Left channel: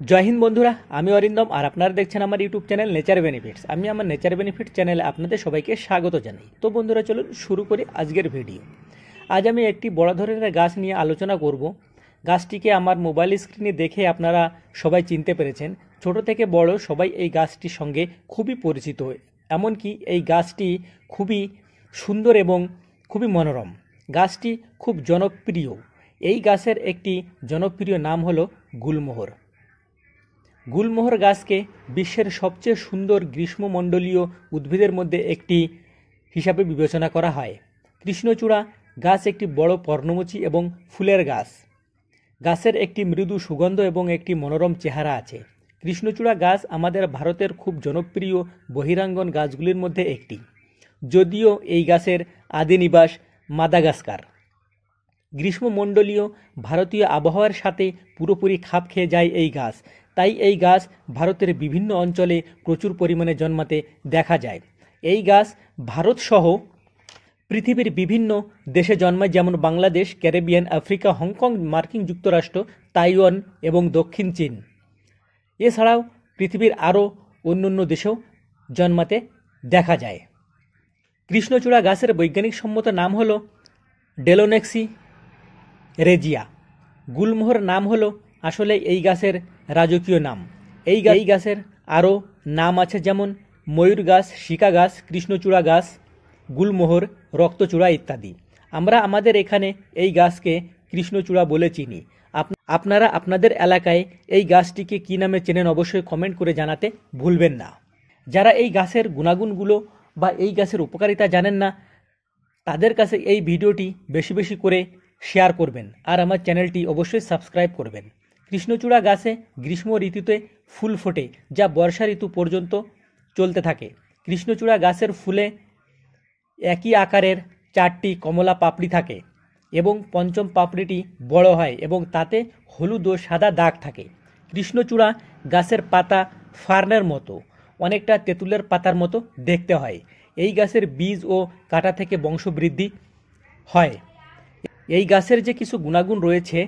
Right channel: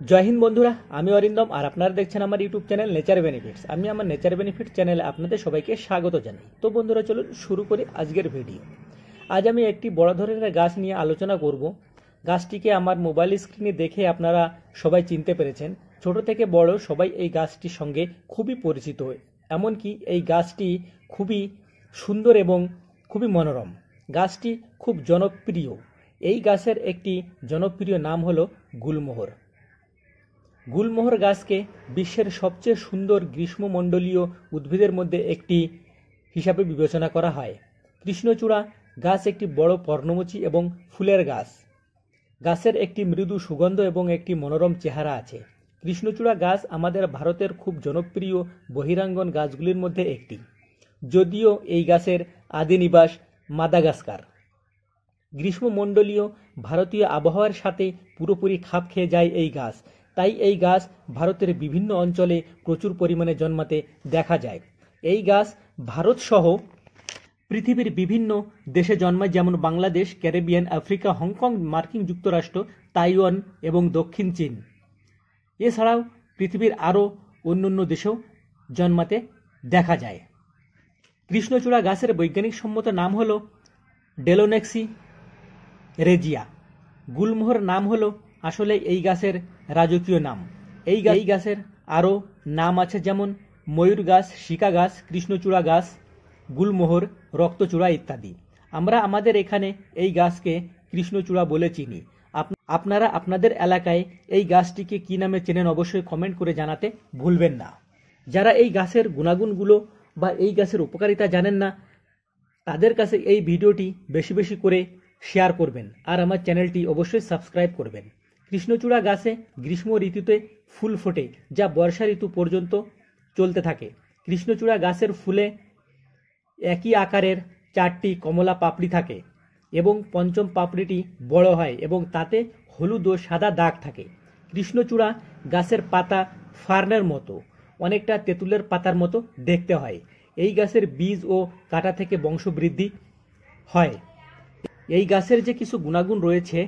জয় হিন্দ বন্ধুরা, আমি অরিন্দম আর আপনারা দেখছেন আমার ইউটিউব চ্যানেল নেচার বেনিফিটস। আমি আমার নেচার বেনিফিট চ্যানেলে আপনাদের সবাইকে স্বাগত জানাই। তো বন্ধুরা, চলুন শুরু করি আজকের ভিডিও। আজ আমি একটি বড় ধরনের গাছ নিয়ে আলোচনা করব। গাছটিকে আমার মোবাইল স্ক্রিনে দেখে আপনারা সবাই চিনতে পেরেছেন। ছোট থেকে বড় সবাই এই গাছটির সঙ্গে খুবই পরিচিত, এমনকি এই গাছটি খুবই সুন্দর এবং খুবই মনোরম। গাছটি খুব জনপ্রিয়। এই গাছের একটি জনপ্রিয় নাম হলো গুলমোহর। গুলমোহর গাছকে বিশ্বের সবচেয়ে সুন্দর গ্রীষ্মমণ্ডলীয় উদ্ভিদের মধ্যে একটি হিসাবে বিবেচনা করা হয়। কৃষ্ণচূড়া গাছ একটি বড় পর্ণমোচী এবং ফুলের গাছ। গাছের একটি মৃদু সুগন্ধ এবং একটি মনোরম চেহারা আছে। কৃষ্ণচূড়া গাছ আমাদের ভারতের খুব জনপ্রিয় বহিরাঙ্গন গাছগুলির মধ্যে একটি, যদিও এই গাছের আদি নিবাস মাদাগাস্কার। গ্রীষ্মমণ্ডলীয় ভারতীয় আবহাওয়ার সাথে পুরোপুরি খাপ খেয়ে যায় এই গাছ, তাই এই গাছ ভারতের বিভিন্ন অঞ্চলে প্রচুর পরিমাণে জন্মাতে দেখা যায়। এই গাছ ভারতসহ পৃথিবীর বিভিন্ন দেশে জন্মায়, যেমন বাংলাদেশ, ক্যারিবিয়ান, আফ্রিকা, হংকং, মার্কিন যুক্তরাষ্ট্র, তাইওয়ান এবং দক্ষিণ চীন। এছাড়াও পৃথিবীর আরও অন্যান্য দেশেও জন্মাতে দেখা যায়। কৃষ্ণচূড়া গাছের বৈজ্ঞানিক সম্মত নাম হলো ডেলোনেক্সি রেজিয়া। গুলমোহর নাম হলো আসলে এই গাছের রাজকীয় নাম। এই গাছের আরও নাম আছে, যেমন ময়ূর গাছ, শিকা গাছ, কৃষ্ণচূড়া গাছ, গুলমোহর, রক্তচূড়া ইত্যাদি। আমরা আমাদের এখানে এই গাছকে কৃষ্ণচূড়া বলে চিনি। আপনারা আপনাদের এলাকায় এই গাছটিকে কী নামে চেনেন অবশ্যই কমেন্ট করে জানাতে ভুলবেন না। যারা এই গাছের গুণাগুণগুলো বা এই গাছের উপকারিতা জানেন না, তাদের কাছে এই ভিডিওটি বেশি বেশি করে শেয়ার করবেন আর আমার চ্যানেলটি অবশ্যই সাবস্ক্রাইব করবেন। কৃষ্ণচূড়া গাছে গ্রীষ্ম ঋতুতে ফুল ফোটে, যা বর্ষা ঋতু পর্যন্ত চলতে থাকে। কৃষ্ণচূড়া গাছের ফুলে একই আকারের 4টি কমলা পাপড়ি থাকে এবং পঞ্চম পাপড়িটি বড় হয় এবং তাতে হলুদ ও সাদা দাগ থাকে। কৃষ্ণচূড়া গাছের পাতা ফার্নের মতো, অনেকটা তেঁতুলের পাতার মতো দেখতে হয়। এই গাছের বীজ ও কাঁটা থেকে বংশবৃদ্ধি হয়। এই গাছের যে কিছু গুণাগুণ রয়েছে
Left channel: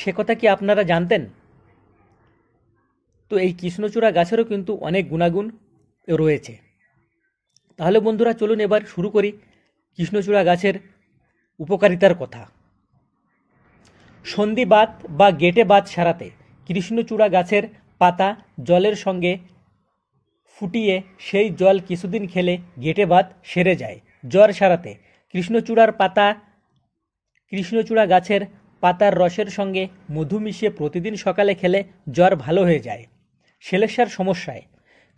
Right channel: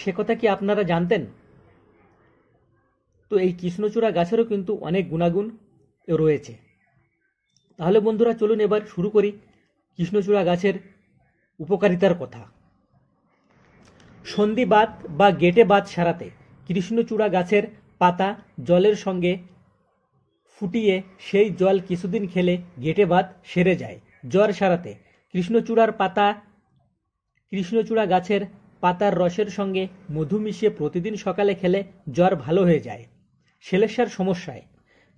সে কথা কি আপনারা জানতেন? তো এই কৃষ্ণচূড়া গাছেরও কিন্তু অনেক গুণাগুণ রয়েছে। তাহলে বন্ধুরা, চলুন এবার শুরু করি কৃষ্ণচূড়া গাছের উপকারিতার কথা। সন্ধিবাত বা গেটে বাত সারাতে কৃষ্ণচূড়া গাছের পাতা জলের সঙ্গে ফুটিয়ে সেই জল কিছুদিন খেলে গেটে বাত সেরে যায়। জ্বর সারাতে কৃষ্ণচূড়া গাছের পাতার রসের সঙ্গে মধু মিশিয়ে প্রতিদিন সকালে খেলে জ্বর ভালো হয়ে যায়। শ্লেষ্মার সমস্যায়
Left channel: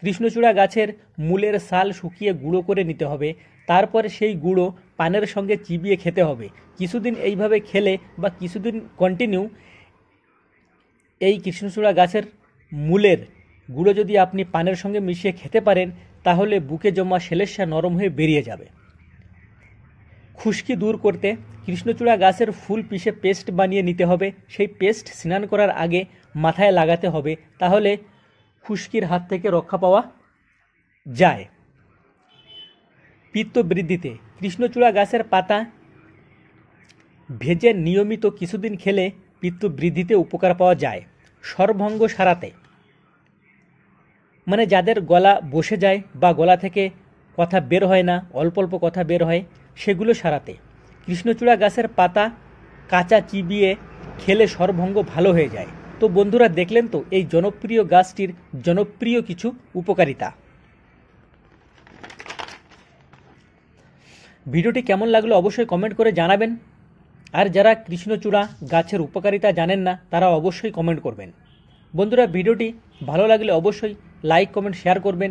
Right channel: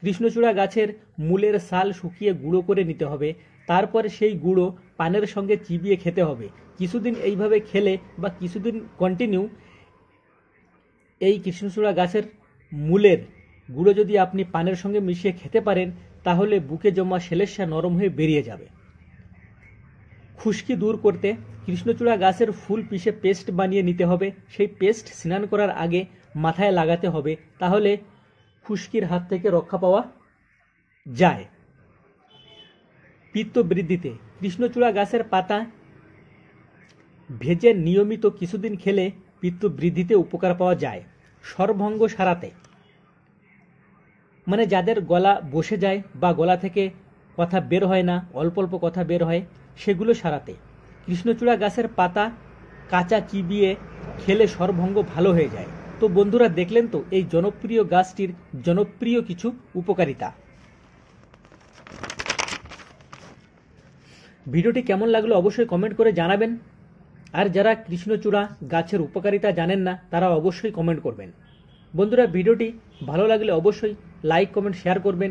কৃষ্ণচূড়া গাছের মূলের ছাল শুকিয়ে গুঁড়ো করে নিতে হবে, তারপর সেই গুঁড়ো পানের সঙ্গে চিবিয়ে খেতে হবে। কিছুদিন এইভাবে খেলে বা কিছুদিন কন্টিনিউ এই কৃষ্ণচূড়া গাছের মূলের গুঁড়ো যদি আপনি পানের সঙ্গে মিশিয়ে খেতে পারেন, তাহলে বুকে জমা শ্লেষ্মা নরম হয়ে বেরিয়ে যাবে। খুশকি দূর করতে কৃষ্ণচূড়া গাছের ফুল পিষে পেস্ট বানিয়ে নিতে হবে। সেই পেস্ট স্নান করার আগে মাথায় লাগাতে হবে, তাহলে খুশকির হাত থেকে রক্ষা পাওয়া যায়। পিত্ত বৃদ্ধিতে কৃষ্ণচূড়া গাছের পাতা ভেজে নিয়মিত কিছুদিন খেলে পিত্ত বৃদ্ধিতে উপকার পাওয়া যায়। স্বরভঙ্গ সারাতে, মানে যাদের গলা বসে যায় বা গলা থেকে কথা বের হয় না, অল্প অল্প কথা বের হয়, সেগুলো সারাতে কৃষ্ণচূড়া গাছের পাতা কাঁচা চিবিয়ে খেলে স্বরভঙ্গ ভালো হয়ে যায়। তো বন্ধুরা, দেখলেন তো এই জনপ্রিয় গাছটির জনপ্রিয় কিছু উপকারিতা। ভিডিওটি কেমন লাগলো অবশ্যই কমেন্ট করে জানাবেন। আর যারা কৃষ্ণচূড়া গাছের উপকারিতা জানেন না, তারা অবশ্যই কমেন্ট করবেন। বন্ধুরা, ভিডিওটি ভালো লাগলে অবশ্যই লাইক, কমেন্ট, শেয়ার করবেন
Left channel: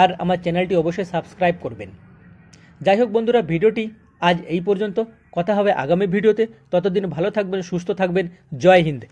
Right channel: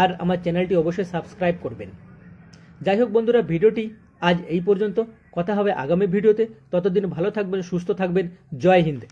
আর আমার চ্যানেলটি অবশ্যই সাবস্ক্রাইব করবেন। যাই হোক বন্ধুরা, ভিডিওটি আজ এই পর্যন্ত। কথা হবে আগামী ভিডিওতে। ততদিন ভালো থাকবেন, সুস্থ থাকবেন। জয় হিন্দ।